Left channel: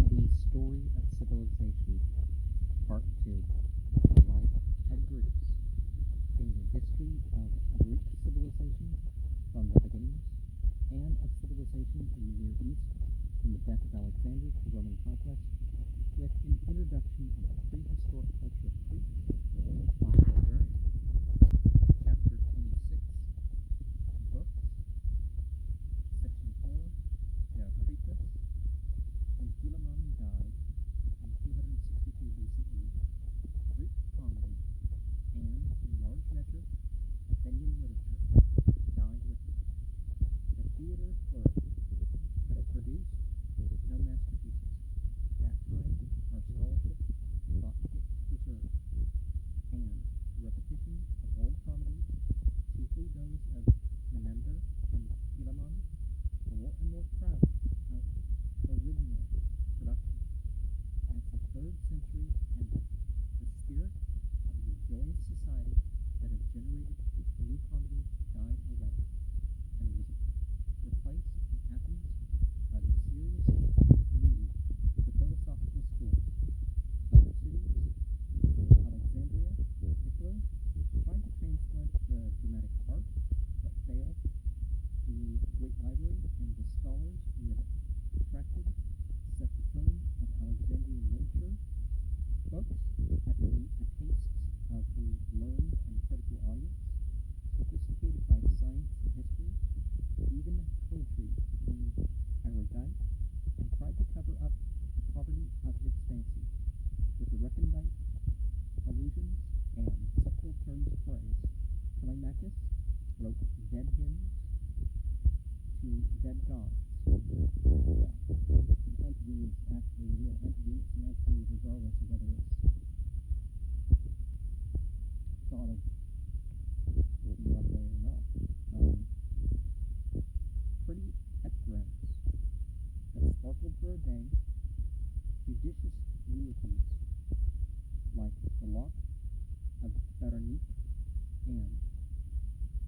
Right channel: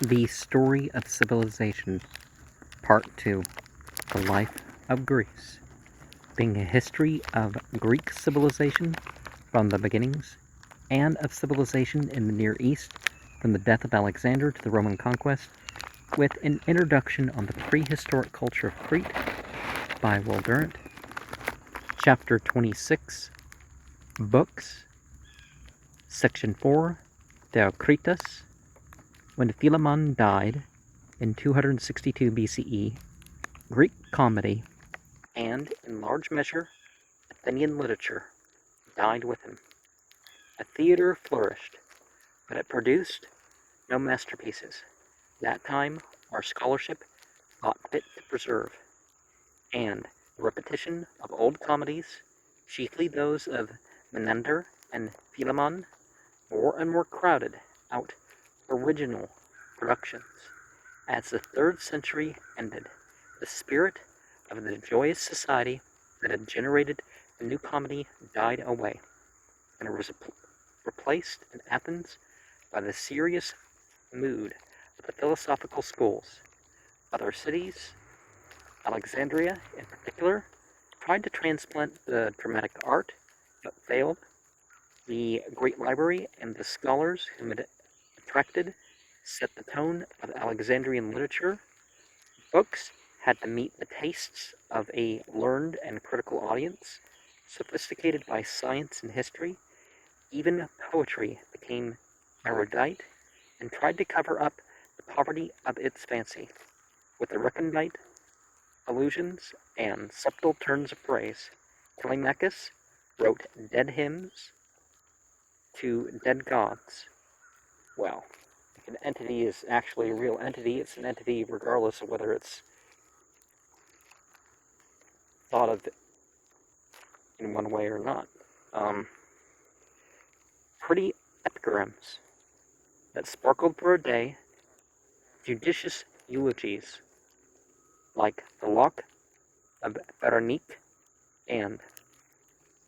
The Story of Civilization, Part 2, The Life of Greece, being a history of Greek civilization from the beginnings, and of civilization in the Near East from the death of Alexander to the Roman conquest, with an introduction on the prehistoric culture of Crete by Durant. Chapter 26, Books, Section 4, Theocritus. When Philemon died in 262 BCE, Greek comedy, and, in large measure, Athenian literature, died with him. A theater flourished, but it produced no masterpieces. That time our scholarship thought fit to preserve, and the repetition of old comedies, chiefly those of Menander and Philemon, more and more crowded out original productions. As the 3rd century ended, the spirit of the joyous society that had generated the new comedy died away, and it was replaced in Athens by the serious mood of the philosophical schools. Other cities, Alexandria in particular, tried to transplant the dramatic art, but failed. The great library and the scholars whom it attracted set the tone of Alexandrian literature. Books had to meet the tastes of a learned and critical audience, sophisticated by science and history. Even poetry became erudite and tried to cover up the poverty of its fancy with the recondite allusions and subtle turns of phrase. Telemachus wrote dead hymns to dead gods. Well, an entity is actually a real entity. It's an entity regardless of whether it's thought of in one way or not. Pretty epigrams that sparkled for a day, judicious eulogies like the Lock of Veronique and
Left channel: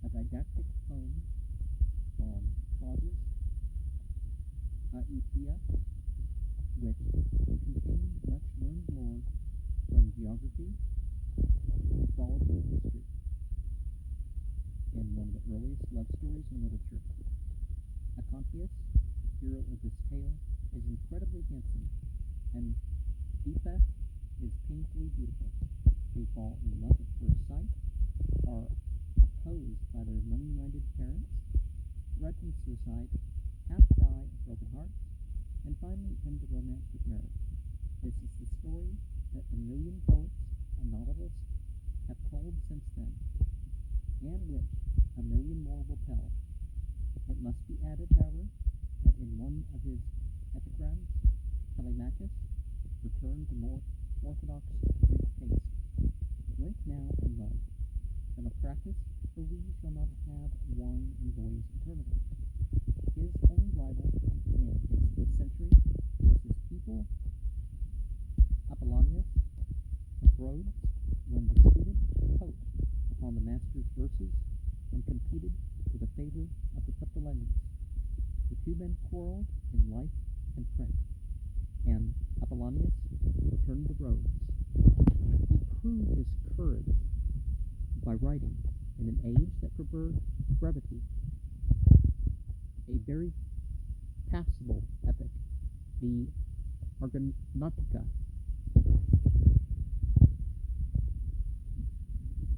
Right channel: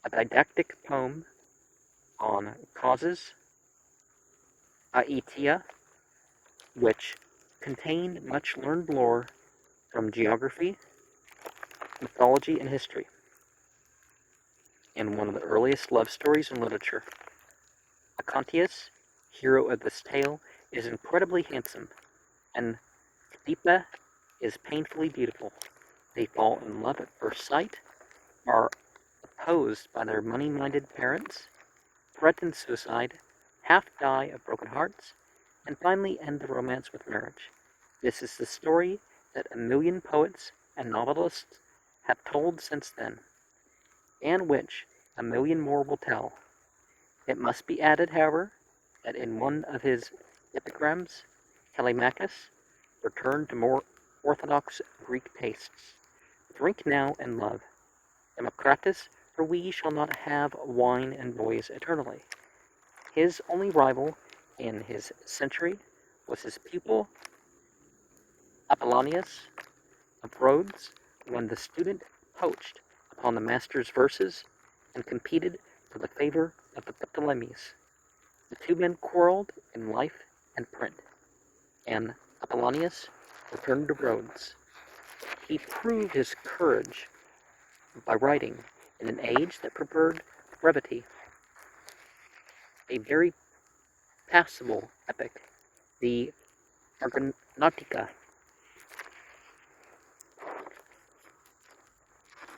a didactic poem on causes, Aetia, which contained much learned lore from geography, mythology, and history, and one of the earliest love stories in literature. Acontius, hero of this tale, is incredibly handsome, and Cleopatra is painfully beautiful. They fall in love at first sight, are opposed by their money-minded parents, threaten suicide, half die of broken hearts, and finally end the romance with marriage. This is the story that a million poets and novelists have told since then, and which a million more will tell. It must be added, however, that in one of his epigrams, Telemachus returned to more orthodox Greek tastes. Drink now and love, Theocritus, for we shall not have wine and boys eternally. His only rival in his century was his pupil Apollonius of Rhodes, when the student poached upon the master's verses and competed for the favor of the Ptolemies. The two men quarreled in life and print, and Apollonius returned to Rhodes. He proved his courage by writing in an age that preferred brevity, a very passable epic, the Argonautica.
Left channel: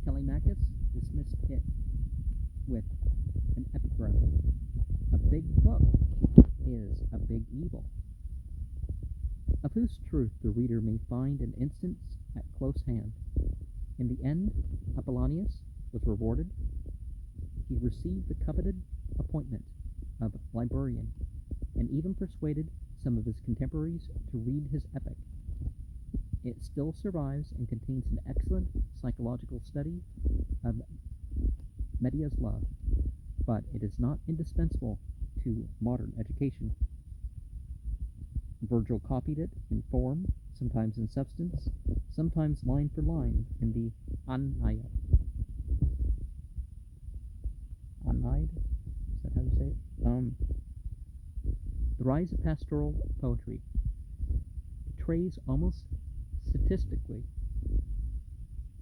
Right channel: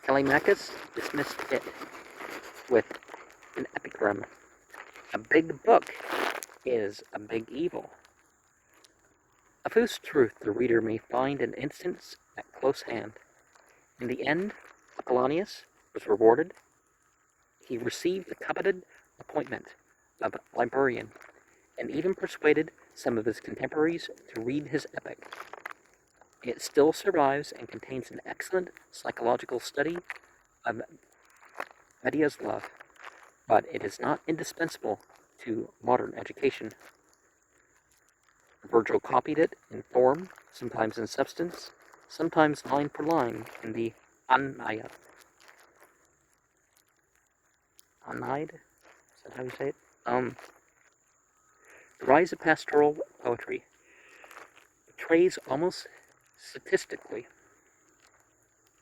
Telemachus dismissed it with an epigram. A big book is a big evil, of whose truth the reader may find an instance at close hand. In the end, Apollonius was rewarded. He received the coveted appointment of librarian, and even persuaded some of his contemporaries to read his epic. It still survives and contains an excellent psychological study of Medea's love, but it is not indispensable to modern education. Virgil copied it in form, sometimes in substance, sometimes line for line in the Aeneid. Aeneid? Is that how you say it? The rise of pastoral poetry. portrays almost statistically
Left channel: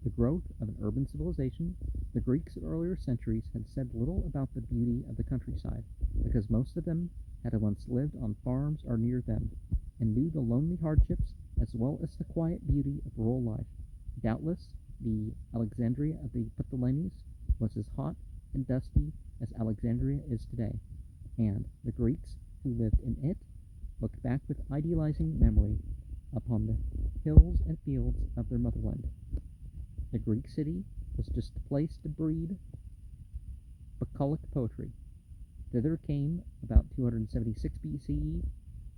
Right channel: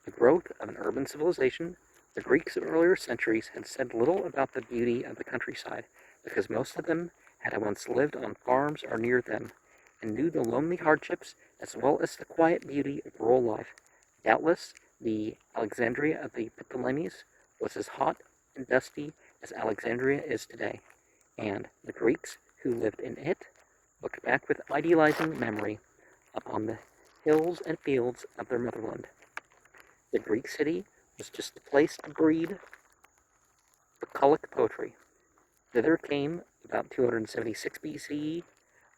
the growth of an urban civilization. The Greeks of earlier centuries had said little about the beauty of the countryside, because most of them had once lived on farms or near them, and knew the lonely hardships as well as the quiet beauty of rural life. Doubtless, the Alexandria of the Ptolemies was as hot and dusty as Alexandria is today, and the Greeks who lived in it looked back with idealizing memory upon the hills and fields of their motherland. The Greek city was just the place to breed bucolic poetry. Thither came, about 276 BCE,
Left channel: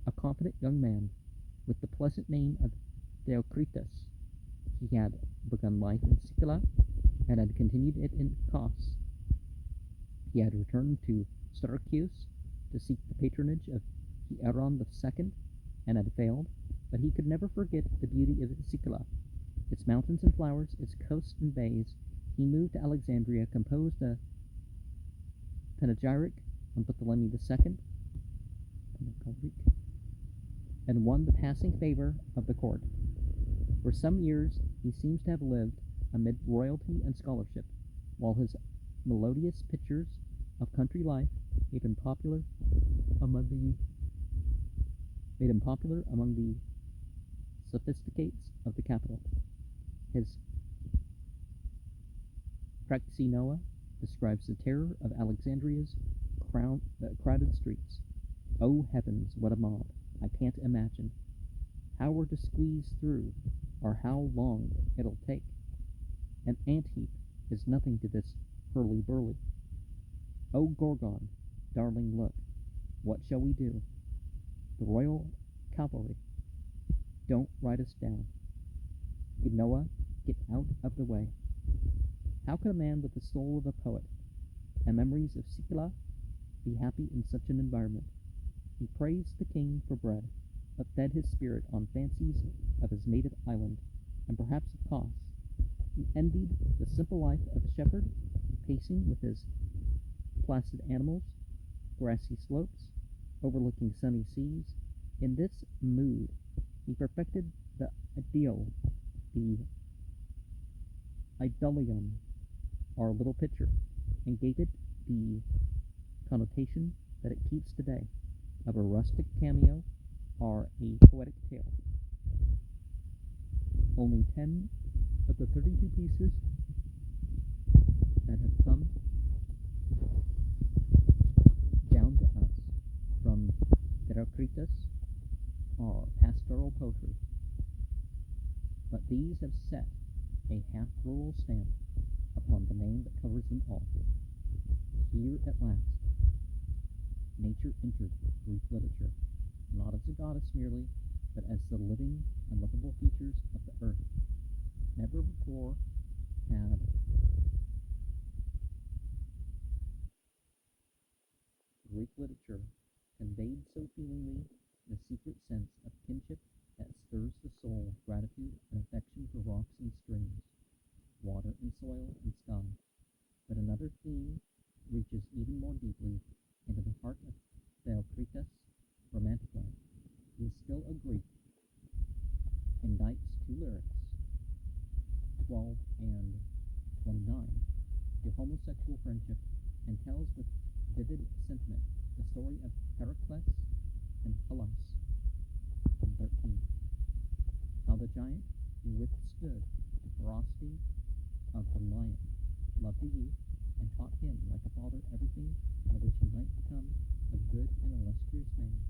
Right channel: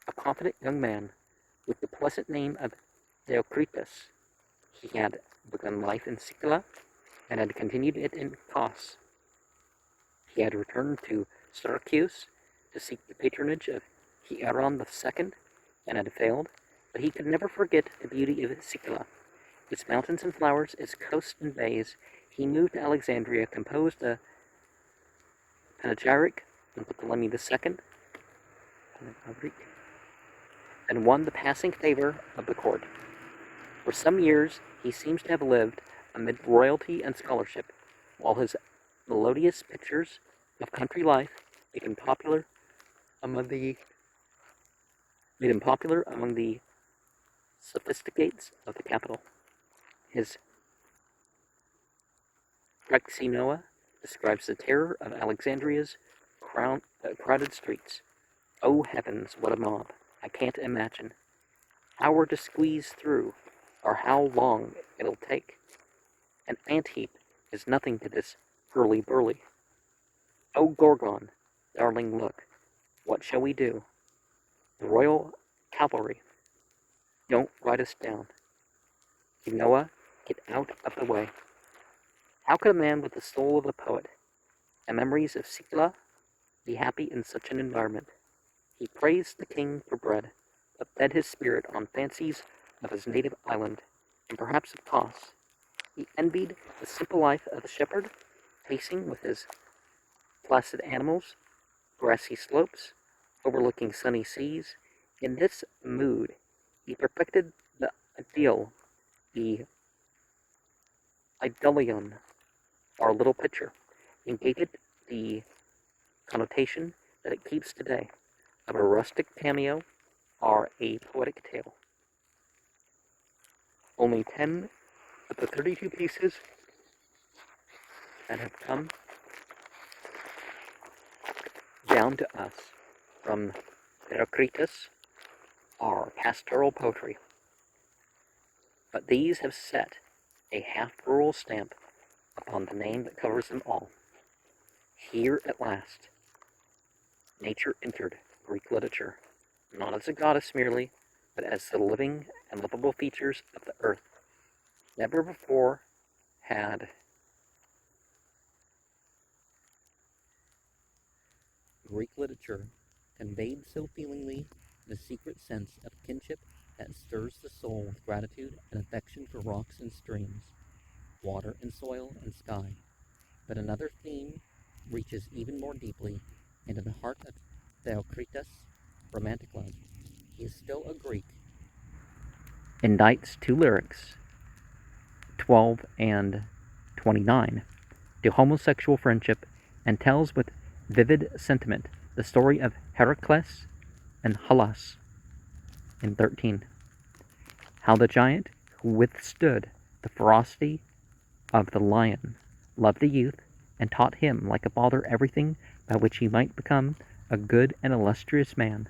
a confident young man with the pleasant name of Theocritus. He had begun life in Sicily and had continued it in Kos. He had returned to Syracuse to seek the patronage of Hieron II and had failed, but he could never forget the beauty of Sicily, its mountains and flowers, its coasts and bays. He moved to Alexandria, composed a panegyric on Ptolemy II, and won the passing favor of the court. For some years he seems to have lived amid royalty and scholarship, while his melodious pictures of country life made him popular among the sophisticates of the capital. His Praxinoa describes the terror of Alexandria's crowded streets. Oh heavens, what a mob! I can't imagine how we're to squeeze through, or how long it'll take. An ant-heap is nothing to this hurly-burly. Oh Gorgon, darling, look, what shall we do? The royal cavalry, don't ride us down. Genoa, get out of the way. How could a man with the soul of a poet and memories of Sicily be happy in such an environment? He praised the king for bread, but fed his spirit on fancies of his native island, and perhaps of Kos. He envied the simple life of the shepherd, pacing with his placid animals, grassy slopes, overlooking sunny seas. In this mood, he perfected the ideal, the idyllion, or little picture, and gave it the connotation that it keeps today, of a rustic cameo or a poetic tale. Only 10 of the 32 pieces that have come down to us from Theocritus are pastoral poetry, but these have set a half-rural stamp upon the name that covers them all. Here at last, nature entered Greek literature, not as a goddess merely, but as the living and livable features of the earth. Never before had Greek literature conveyed so feelingly the secret sense of kinship that stirs the soul with gratitude and affection for rocks and streams, water and soil and sky. But another theme reaches even more deeply into the heart of Theocritus, romantic love. He is still a Greek. Indites two lyrics, 12 and 29, to homosexual friendship, and tells with vivid sentiment the story of Heracles and Hylas in 13. How the giant who withstood the ferocity of the lion loved the youth and taught him like a father everything by which he might become a good and illustrious man,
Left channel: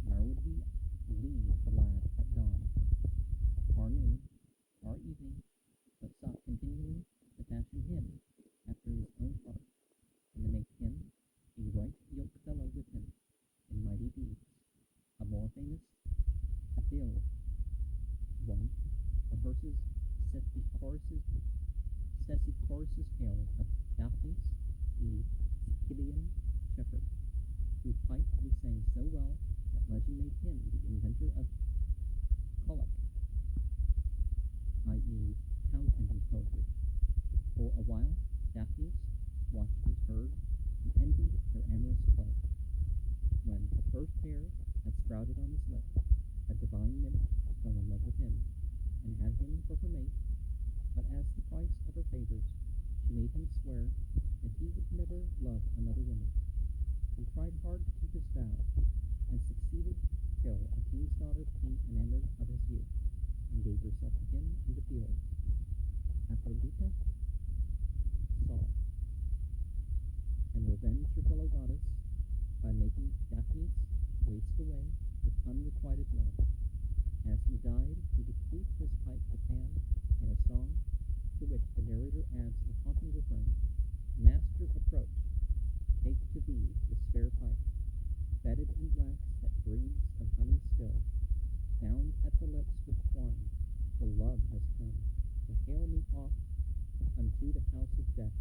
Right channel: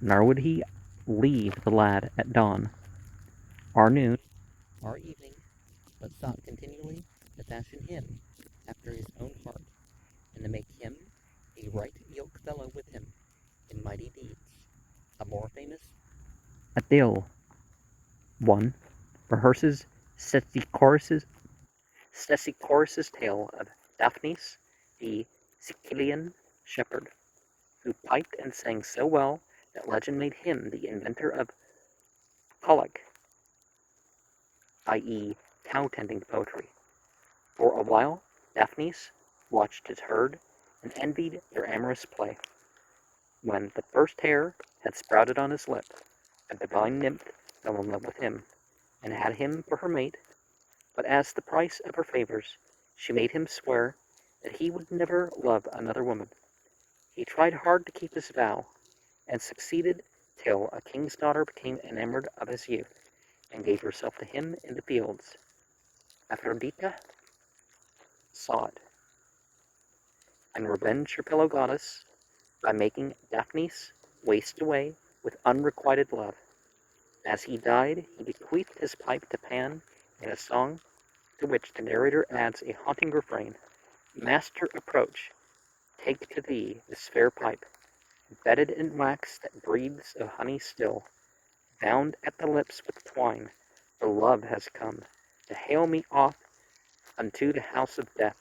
nor would he leave the lad at dawn, or noon, or evening, but sought continually to fashion him after his own heart, and to make him a right yoke fellow with him in mighty deeds. A more famous Athel one rehearses Stesichorus's tale of Daphnis, the Sicilian shepherd, who piped and sang so well that legend made him the inventor of colic, i.e., cow-tending poetry. For a while, Daphnis watched his herd and envied their amorous play. When the first hair had sprouted on his lip, a divine nymph fell in love with him, and had him for her mate, but as the price of her favors, she made him swear that he would never love another woman. He tried hard to keep his vow, and succeeded till a king's daughter became enamored of his youth, and gave herself to him in the fields. Aphrodite saw it, and revenged her fellow goddess by making Daphnis waste away with unrequited love. As he died, he bequeathed his pipe to Pan in a song to which the narrator adds a haunting refrain: Master, approach, take to thee this fair pipe, bedded in wax that breathes of honey still, bound at the lips with twine, for love has come to hale me off unto the house of death.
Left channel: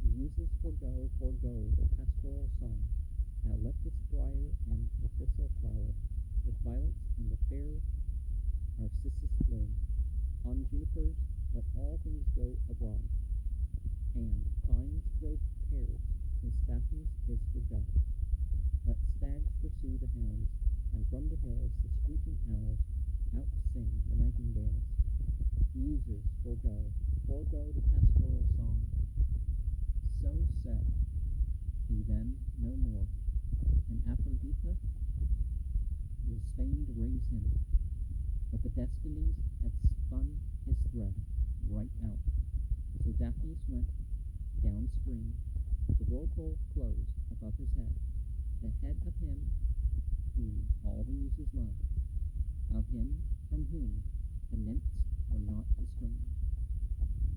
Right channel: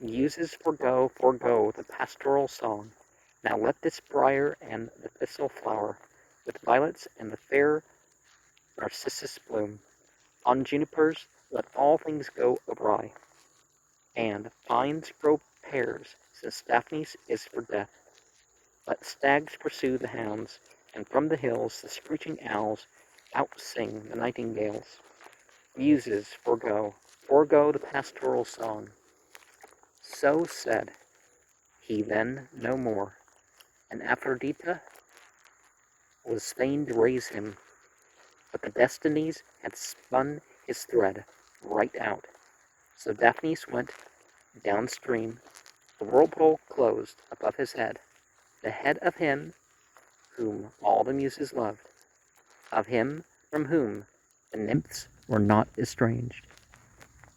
Muses, forego, forego the pastoral song. Now let this briar and the thistle flower, with violets and the fair narcissus bloom. On junipers let all things go awry, and vines grow pears, since Daphnis is for death. Let stags pursue the hounds, and from the hills the screeching owls out-sing the nightingales. Muses, forego, forego the pastoral song. So said he then no more, and Aphrodite was fain to raise him, but the destinies had spun his thread right out. So Daphnis went downstream, the whirlpool closed above his head, the head of him whom all the muses loved, of him from whom the nymphs were not estranged.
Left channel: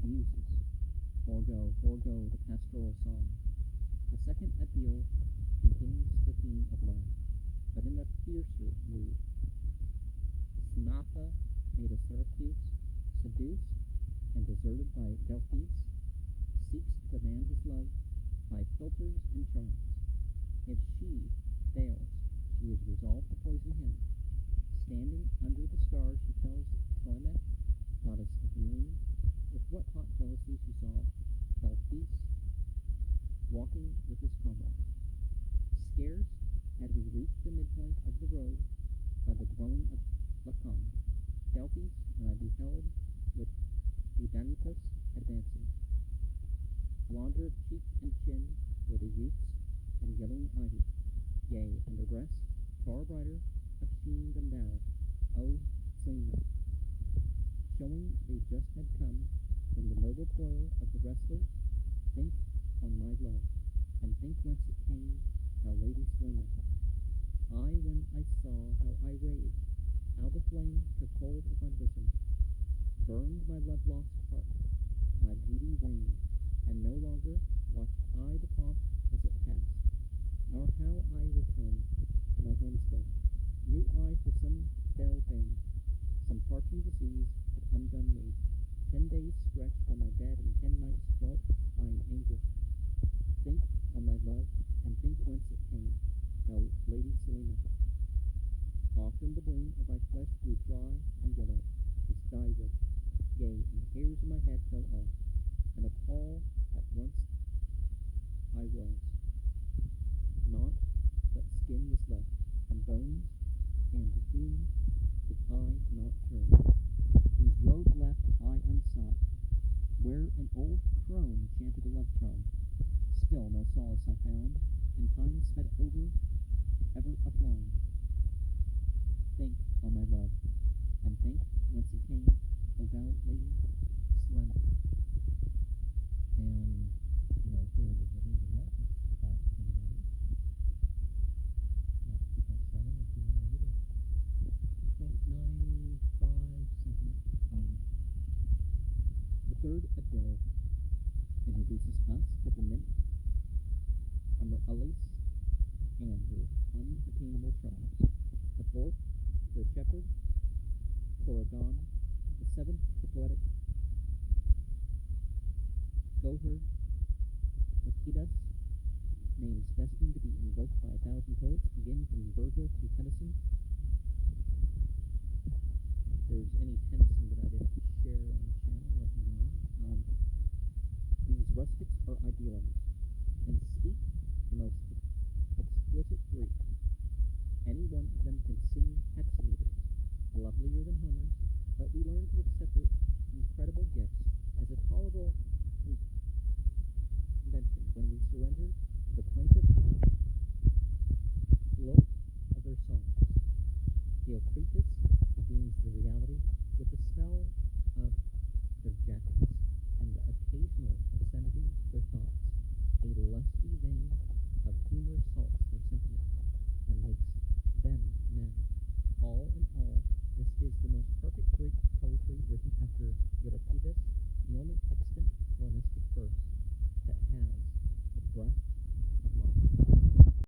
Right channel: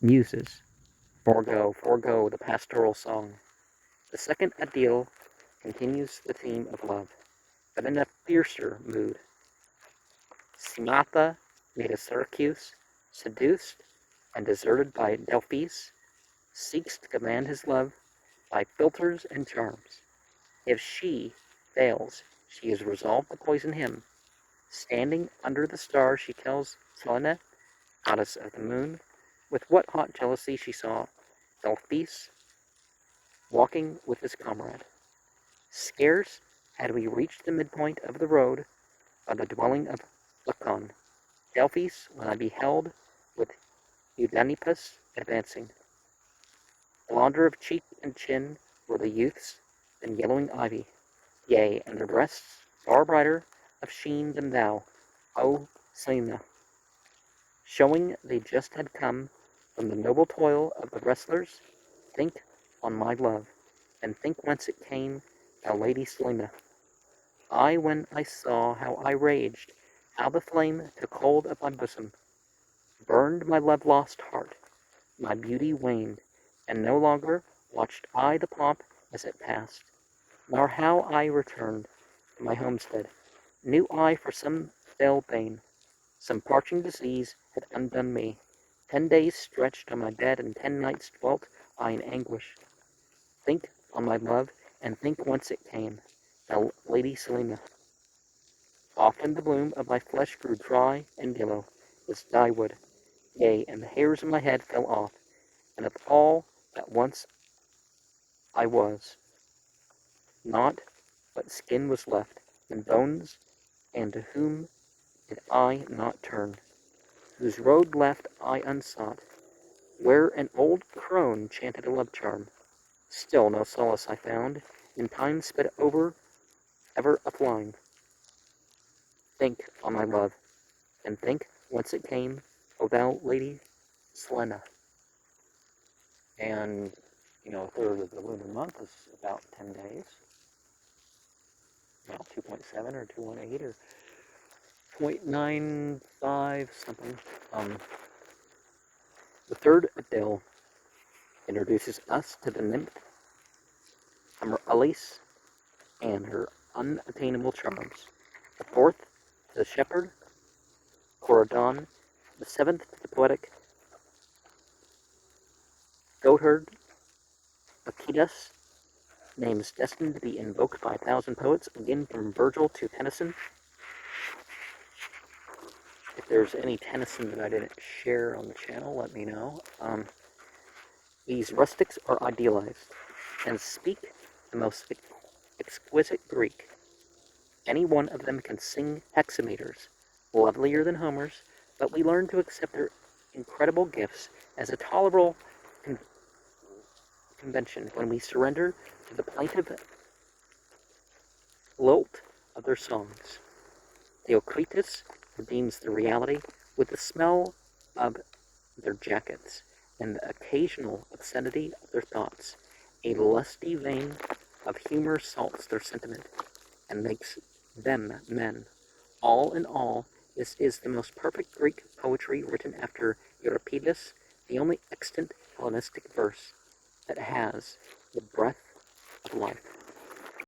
Muses, forego, forego the pastoral song. The second Idyll continues the theme of love, but in a fiercer mood. Smatha, made of Syracuse, seduced and deserted by Delphis, seeks to command his love by philters and charms. If she fails, she is resolved to poison him. Standing under the stars, she tells Selene, goddess of the moon, with what hot jealousy she saw Delphis walking with his comrade. Scarce had we reached the midpoint of the road by the dwelling of Lycon, Delphis, when I beheld with Eudanippus advancing. Blonder of cheek and chin were the youths than yellowing ivy, yea, and their breasts far brighter of sheen than thou, O Selene, showing they just had come from the noble toil of the wrestlers. Think on my love, and think whence it came, thou Lady Selene. I, when I saw how I raged, how the flame took hold of my bosom, burned my love-lost heart, my beauty waned, and no longer watched I the pomp as it passed, nor how I returned to my homestead, knew I for some fell bane, some parching disease had undone me. 10 days stretched on my bed, and 10 nights dwelt I in anguish. Think on my love, and think whence it came, thou Lady Selene. Often the bloom of my flesh grew dry and yellow as dyewood, yea, and the hairs of my head fell off, and of all that once I was, naught but skin was left, and bones, and to whom did I not turn, whose road left I unsought, where an old crone chanted a love charm. Still no solace I found, and time sped over, ever a-flying. Think on my love, and think whence it came, O thou Lady Selene. And, a third of the lunar month is about 10 days. About 2.7 or 2.8 or 0.95 something. The third Idyll introduces us to the nymph Amaryllis and her unattainable charms. The fourth to the shepherd Coridon. The seventh to the poetic goatherd Aeacus, names destined to be invoked by 1,000 poets, again from Virgil to Tennyson. If there's any Tennyson that I didn't share on the channel, let me know. These rustics are idealized and speak the most exquisite Greek. Any one of them can sing hexameters, lovelier than Homer's, but we learn to accept their incredible gifts as a tolerable con- convention when we surrender to the plaintive lilt of their songs. Theocritus redeems the reality with the smell of their jackets and the occasional obscenity of their thoughts. A lusty vein of humor salts their sentiment and makes them men. All in all, this is the most perfect Greek poetry written after Euripides, the only extant Hellenistic verse that has the breath of life.